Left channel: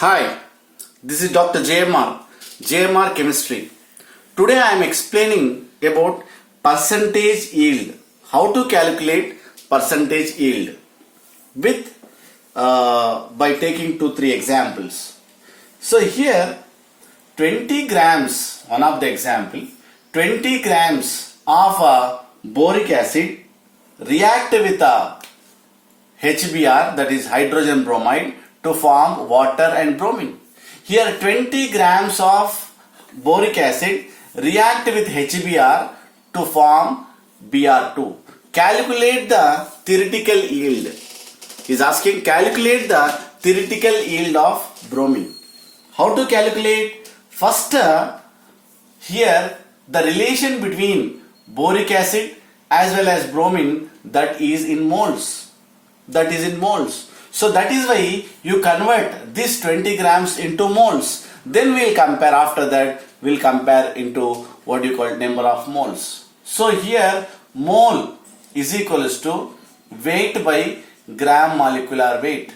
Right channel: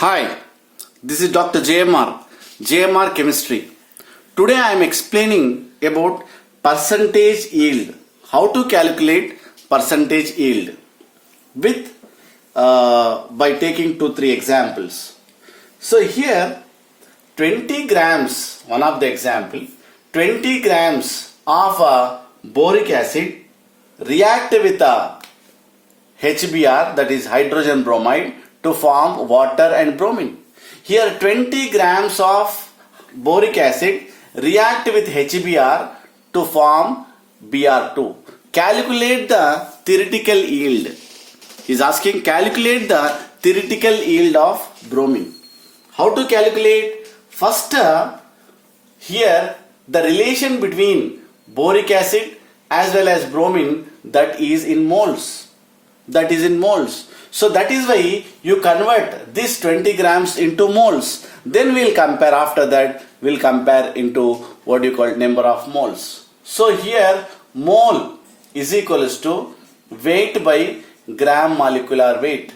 Hi, this is Dr. JMR Chemistry. Today I am explaining about percentage yield, how to calculate percentage yield with by taking 2-3 examples. So here 20 grams, one of the example, 20 grams of boric acid react with HBr, that is hydrogen bromide, to form water and bromine. Here 20 grams of boric acid react with HBr to form Br2. Calculate the theoretical yield. He is asking calculate the theoretical yield of bromine. How to calculate? First, here the relation between boric acid as well as bromine, that is in moles. So that is why you convert this 20 grams into moles. Then we will compare, after that we will compare into what you call number of moles. So here mole is equals to weight by gram molecular weight.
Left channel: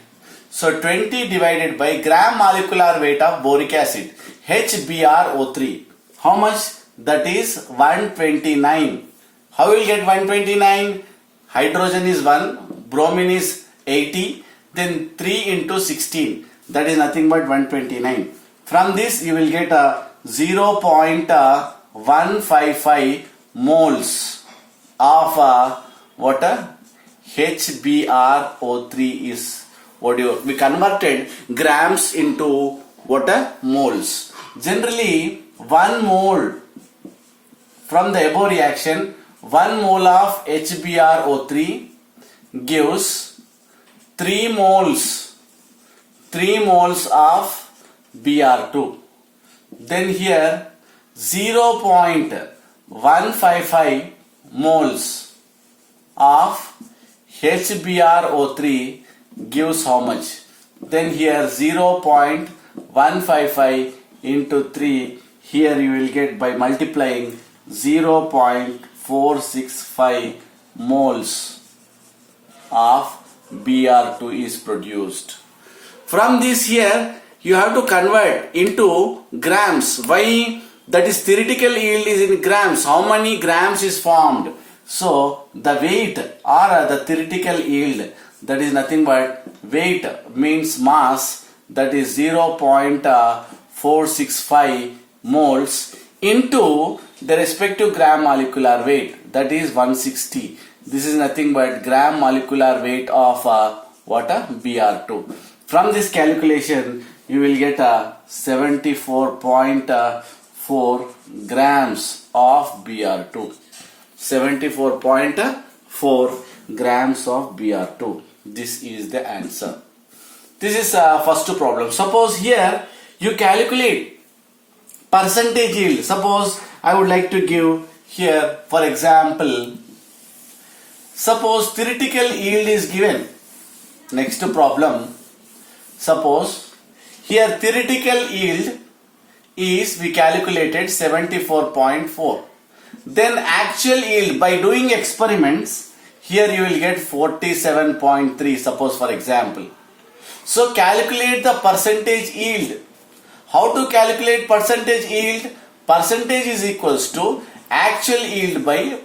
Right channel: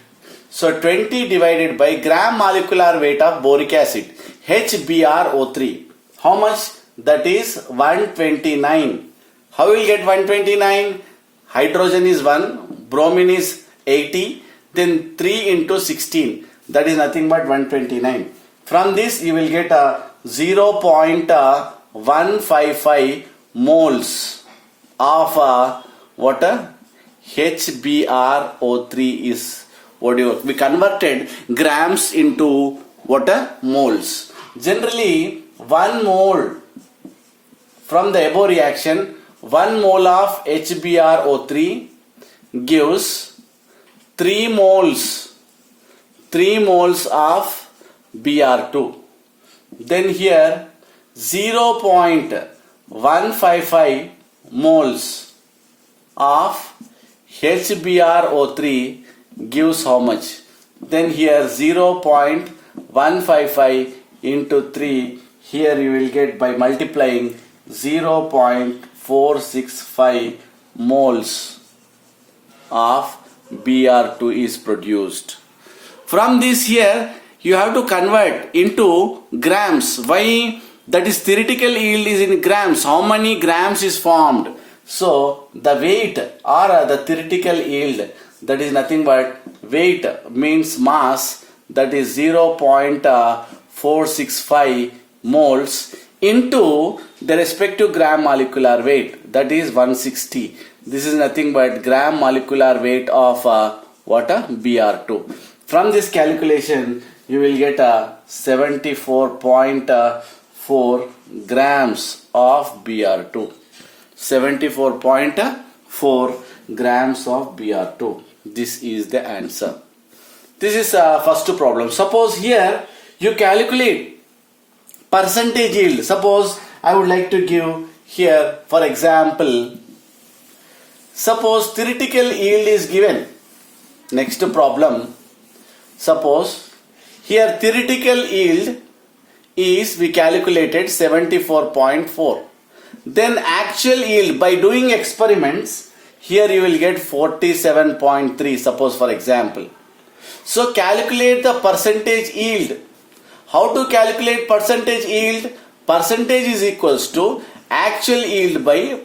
So 20 divided by gram molecular weight of boric acid, HbRO3. How much? That is 129. How will you get 129? Hydrogen is 1, bromine is 80, then 3 into 16, that is nothing but 129. From this you will get a 0.155 moles of water. HbRO3 is what we converted grams into water moles. Generally 1 mole from the above reaction, 1 mole of HbRO3 gives 3 moles of Br2. Then here 0.155 moles of HbRO3 gives how much? Then here 0.155 into 3, here you will get by multiplying 0.465 moles of Br2 is produced. From this here you have to convert into grams. Why? That is theoretical yield is in grams. How many grams is formed? So the weight or the theoretical yield, that is nothing but weight means mass, that is 0.465 moles into the respective gram molecular weight, that is 160. This is nothing but gram molecular weight of water Br2. From this calculation you will get 74.4 grams of Br2. 74.4 grams of Br2. This is the answer. This is first problem. Suppose here you calculate percentage yield. Suppose I would like to give here, for example, suppose theoretical yield is given. Next problem. Suppose here theoretical yield is we calculated 74.4. Then actual yield by doing experiments, here you will get 47.3, suppose for example. So calculate the percentage yield. How to calculate percentage yield? Percentage is equals to actual yield by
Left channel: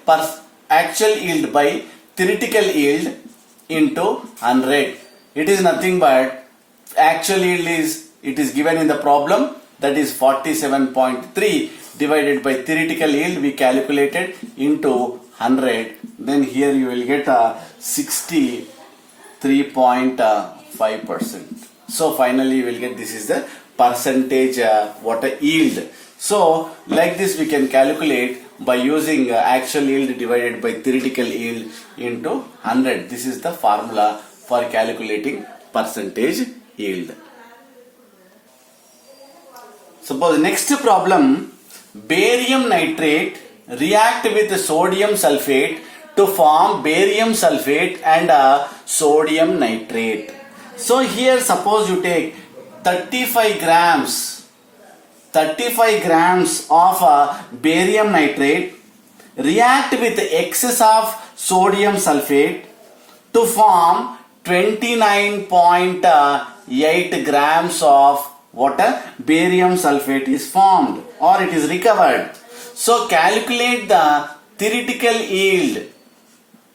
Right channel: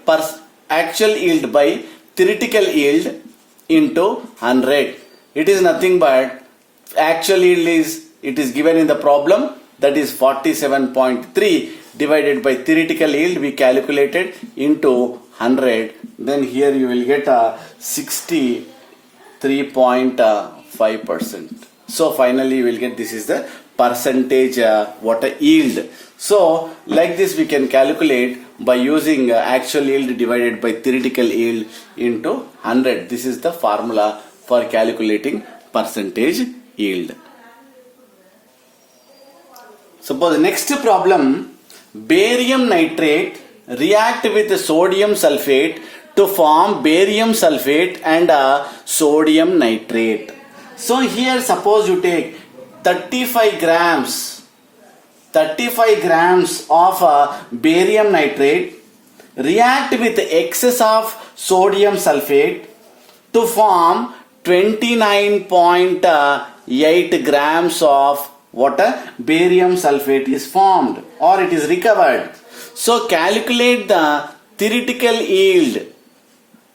theoretical yield into 100. It is nothing but actual yield is given in the problem, that is 47.3 divided by theoretical yield we calculated into 100. Then here you will get 63.5%. So finally you will get, this is the percentage water yield. So like this we can calculate by using actual yield divided by theoretical yield into 100. This is the formula for calculating percentage yield. Suppose next problem, barium nitrate react with sodium sulfate to form barium sulfate and sodium nitrate. So here suppose you take 35 grams of barium nitrate react with excess of sodium sulfate to form 29.8 8 grams of water barium sulfate is formed or it is recovered. So calculate the theoretical yield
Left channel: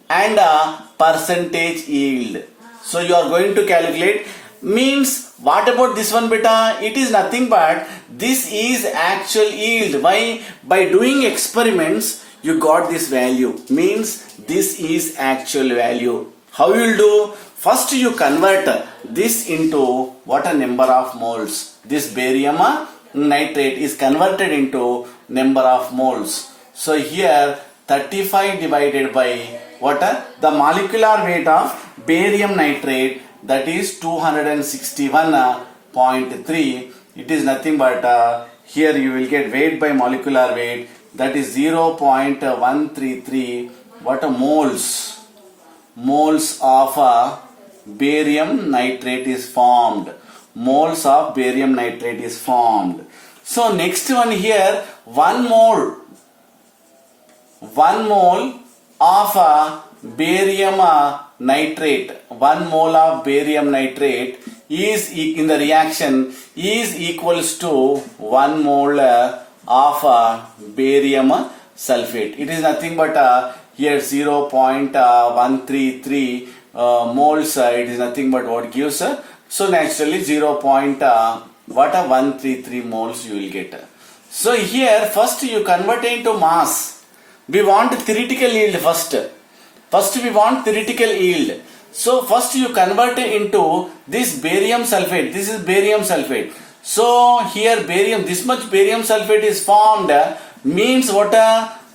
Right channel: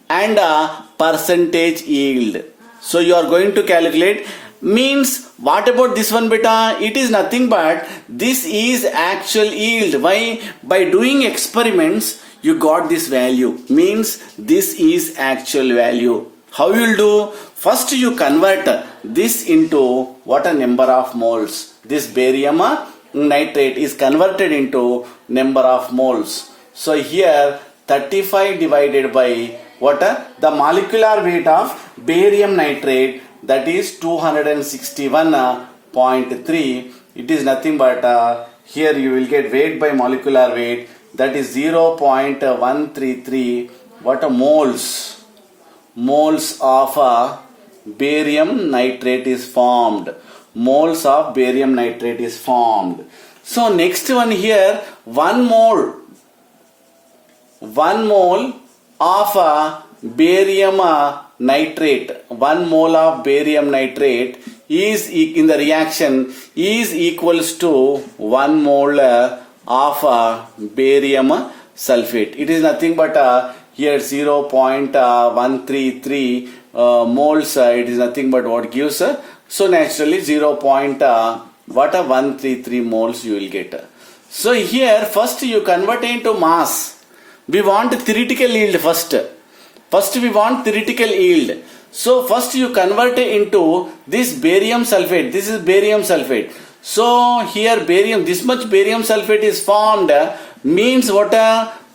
and a percentage yield. So you are going to calculate, means what about this one beta? It is nothing but this is actual yield. Why? By doing experiments you got this value, means this is actual value. How you will do? First you convert this into what a number of moles. This barium nitrate is converted into number of moles. So here 35 divided by what? The molecular weight of barium nitrate, that is 261.3. It is nothing but here you will get weight by molecular weight, that is 0.133 what a moles of barium nitrate is formed. Moles of barium nitrate is formed. So next one here, 1 mole of barium nitrate, 1 mole of barium nitrate is in the reaction is equals to 1 mole of barium sulfate. It is nothing but here 0.133 moles. It is nothing but what gives. So naturally 0.133 moles you will get. So here first you convert into mass. We want theoretical yield first. First we want theoretical yield. So first you convert into this barium sulfate. This is barium sulfate. So here barium, this much barium sulfate is formed, means what?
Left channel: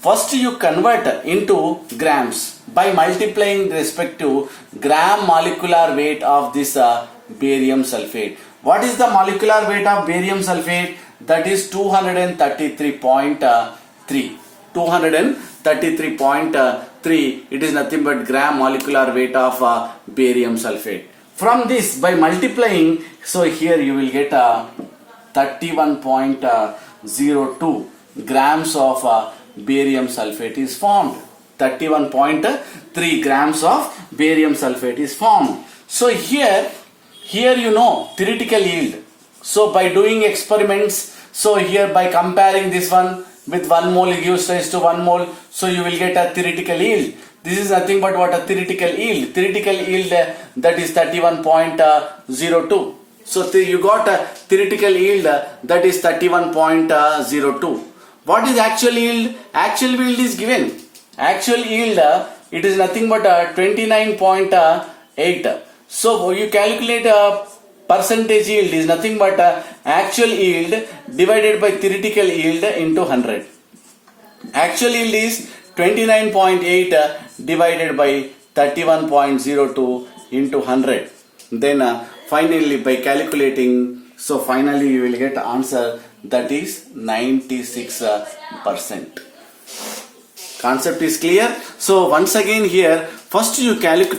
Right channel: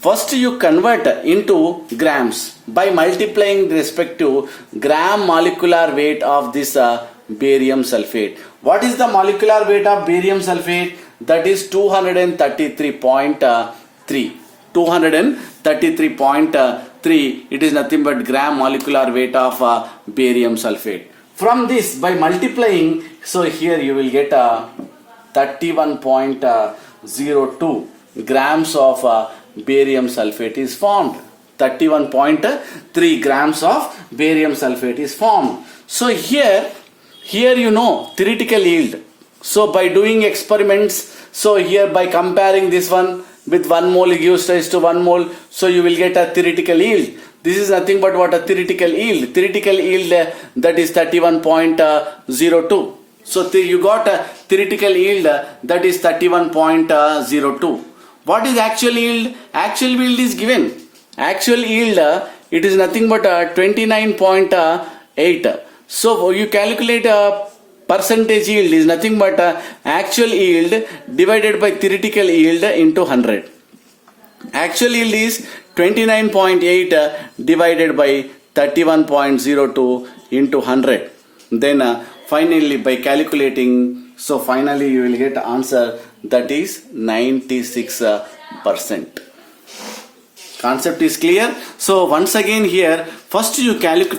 First you convert into grams by multiplying the respective gram molecular weight of this barium sulfate. What is the molecular weight of barium sulfate? That is 233.3. 233.3. It is nothing but gram molecular weight of barium sulfate. From this, by multiplying, so here you will get 31.02 grams of barium sulfate is formed. 31.3 grams of barium sulfate is formed. So here you know theoretical yield. So by doing experiments, so here by comparing this one with 1 mole gives rise to 1 mole, so you will get a theoretical yield. This is nothing but what a theoretical yield. Theoretical yield that is 31.02. So you got a theoretical yield that is 31.02. What is actual yield? Actual yield is given. Actual yield it is nothing but 29.8. So you calculate percentage yield is nothing but actual yield divided by theoretical yield into 100. Actual yield is 29.8 divided by 31.02 into 100. Then finally by calculating, so finally you will get answer that is 96%. Concept is clear. So once again here, first you convert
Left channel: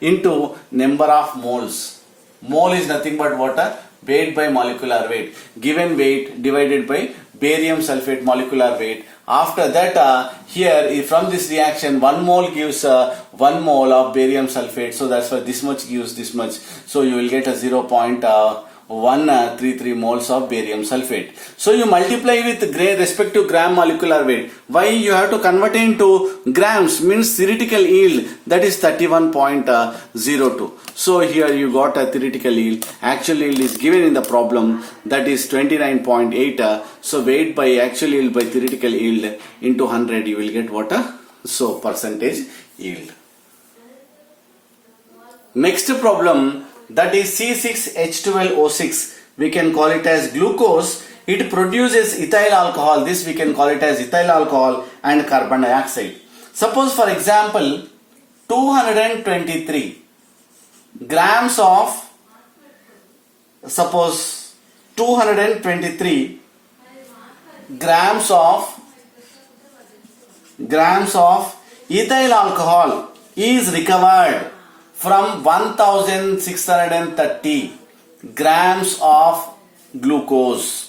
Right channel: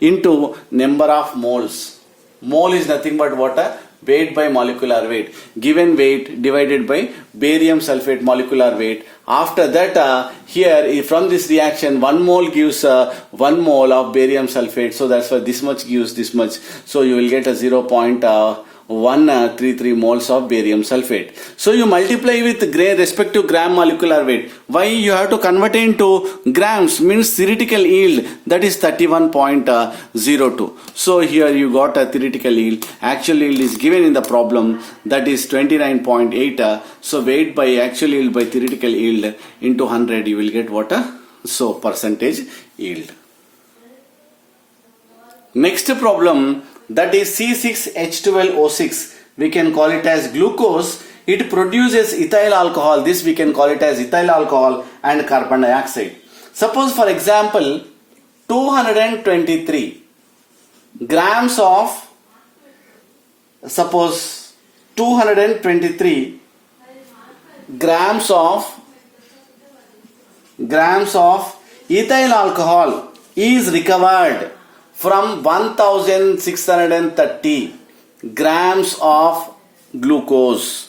into number of moles. Mole is nothing but water, weight by molecular weight. Given weight divided by barium sulfate molecular weight. After that, here from this reaction, 1 mole gives 1 mole of barium sulfate. So that's why this much gives this much. So you will get a 0.133 moles of barium sulfate. So you multiply with respective gram molecular weight. Why you have to convert into grams? Means theoretical yield, that is 31.02. So here you got a theoretical yield. Actual yield is given in the problem, that is 29.8. So weight by actual yield by theoretical yield into 100, you will get what? So percentage yield. Next problem, that is C6H12O6. We can call it as glucose. It produces ethyl alcohol. This we can call it as ethyl alcohol and carbon dioxide. Suppose for example 223 grams of, suppose 223 grams of ethyl alcohol is recovered from 1630 grams of glucose.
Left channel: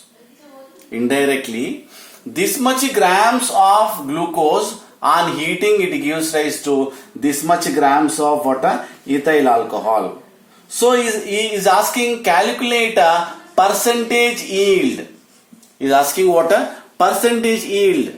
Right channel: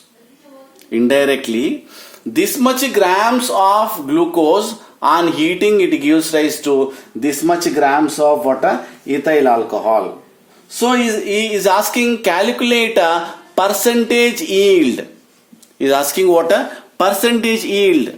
Indirectly, this much grams of glucose On heating, it gives rise to this much grams of water ethyl alcohol. So he is asking calculate a percentage yield. He is asking what a percentage yield.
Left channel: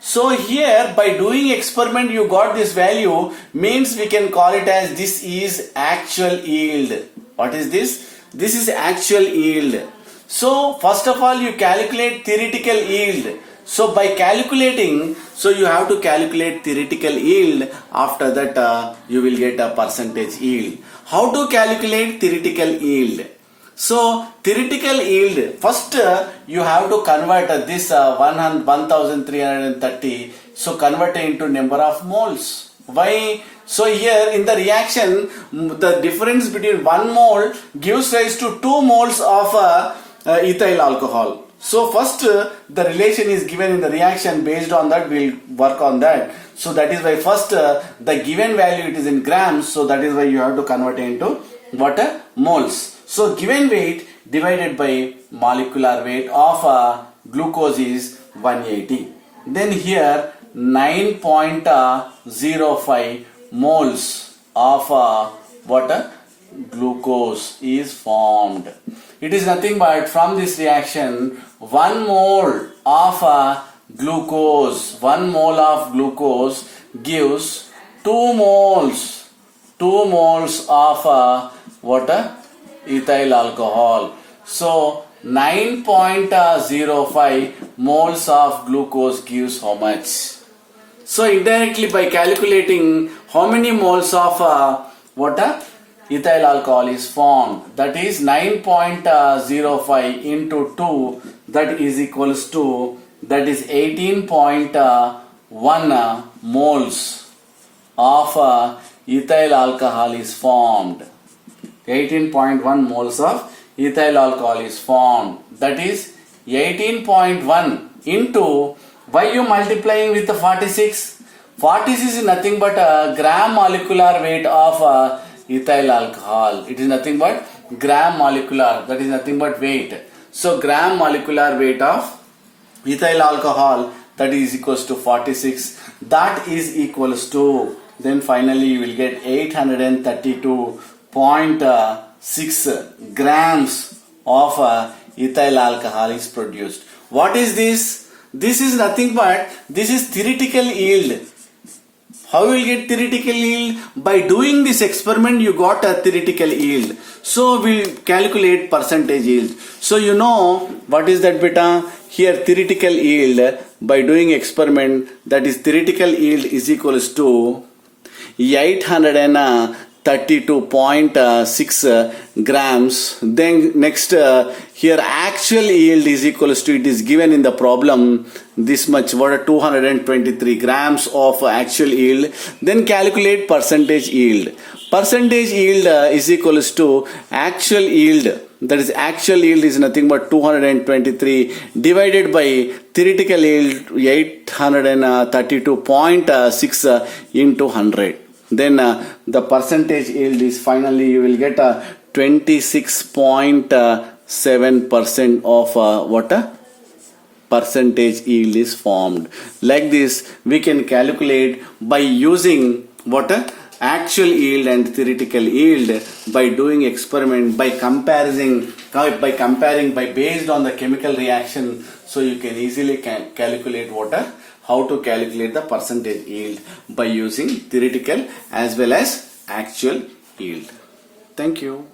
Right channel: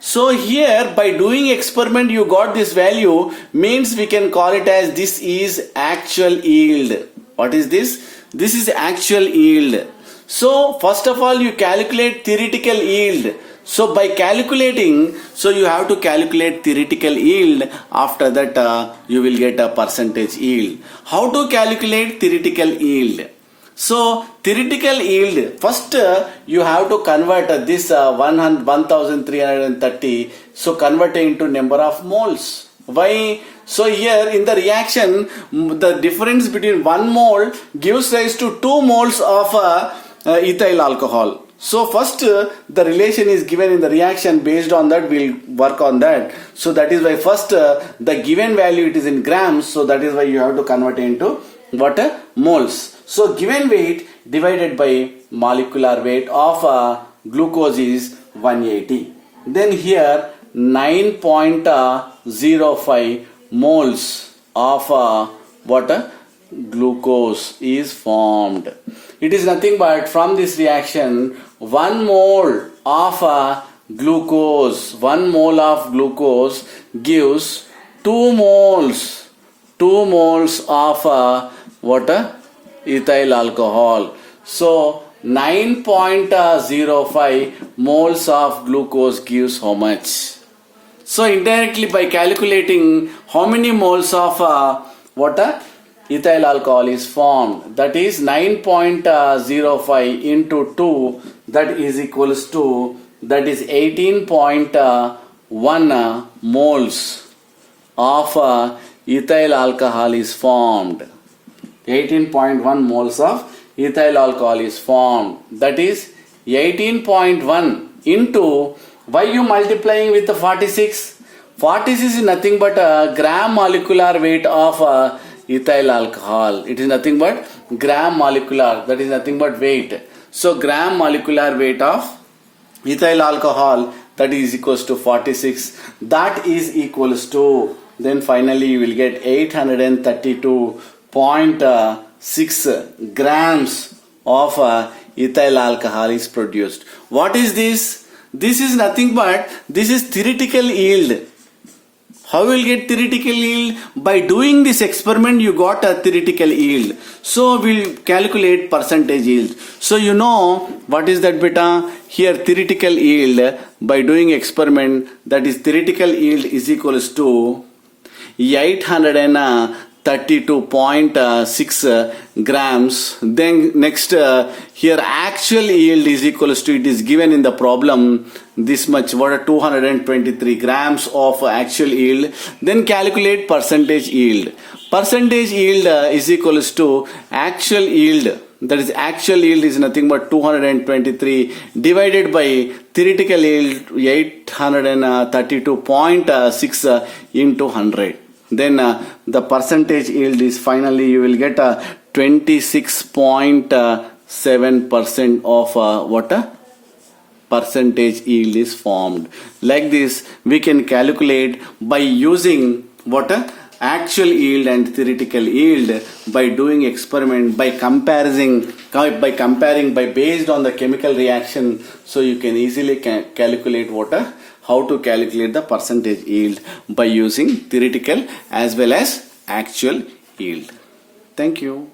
So here by doing experiment you got this value, means we can call it as this is actual yield. What is this? This is actual yield. So first of all you calculate theoretical yield. So by calculating, so you have to calculate theoretical yield. After that you will get a percentage yield. How to calculate theoretical yield? So theoretical yield, first you have to convert this 1330, so convert it into number of moles. Why? So here in the reaction, the difference between 1 mole gives rise to 2 moles of ethyl alcohol. So first the relation is given in the reaction, based on that we'll work on that. So that is why first the given value it is in grams, so that is why you have to convert it into what? Moles. So given weight divided by molecular weight of glucose is 180. Then here 9.05 moles of what? Glucose is formed. It is nothing but from this reaction 1 mole of glucose, 1 mole of glucose gives 2 moles of what? Ethyl alcohol. So 9.05 moles of glucose gives how much? So indirectly by calculating how many moles of water ethyl alcohol is formed, that is 9.05 into 2, that is equals to, that is 18.1 moles of ethyl alcohol is formed. 18.1 moles of ethyl alcohol is formed. That is 18.1 into, why you multiplying with the 46? 46 is nothing but a gram molecular weight of ethyl alcohol. It is nothing but gram molecular, that is nothing but weight. So gram molecular weight of ethyl alcohol, that is equals to 46. That is equals to, then finally you will get 832.6 grams of ethyl alcohol is produced. What is this? This is nothing but, this is theoretical yield. How will you get theoretical yield? By doing this experiment you got a theoretical yield. So we'll calculate percentage yield. So you know what is that beta? Here theoretical yield by doing experiment, that is theoretical yield is equals to 832.6 grams. Then next here actual yield is equals to, it is given in the problem this much, what are 223 grams of actual yield. Then calculate percentage yield. Percentage yield is equals to actual yield, that is actual yield is nothing but 223 divided by theoretical yield 832.6 into 100. Then the percentage yield is finally you will get 26.7% of what? Percentage yield is formed. Like this we can calculate by using what? Actual yield and theoretical yield by doing experiment, by comparing by based on the chemical reaction. So you can easily calculate what? How to calculate the percentage yield by using theoretical as well as actual yield. Thank you.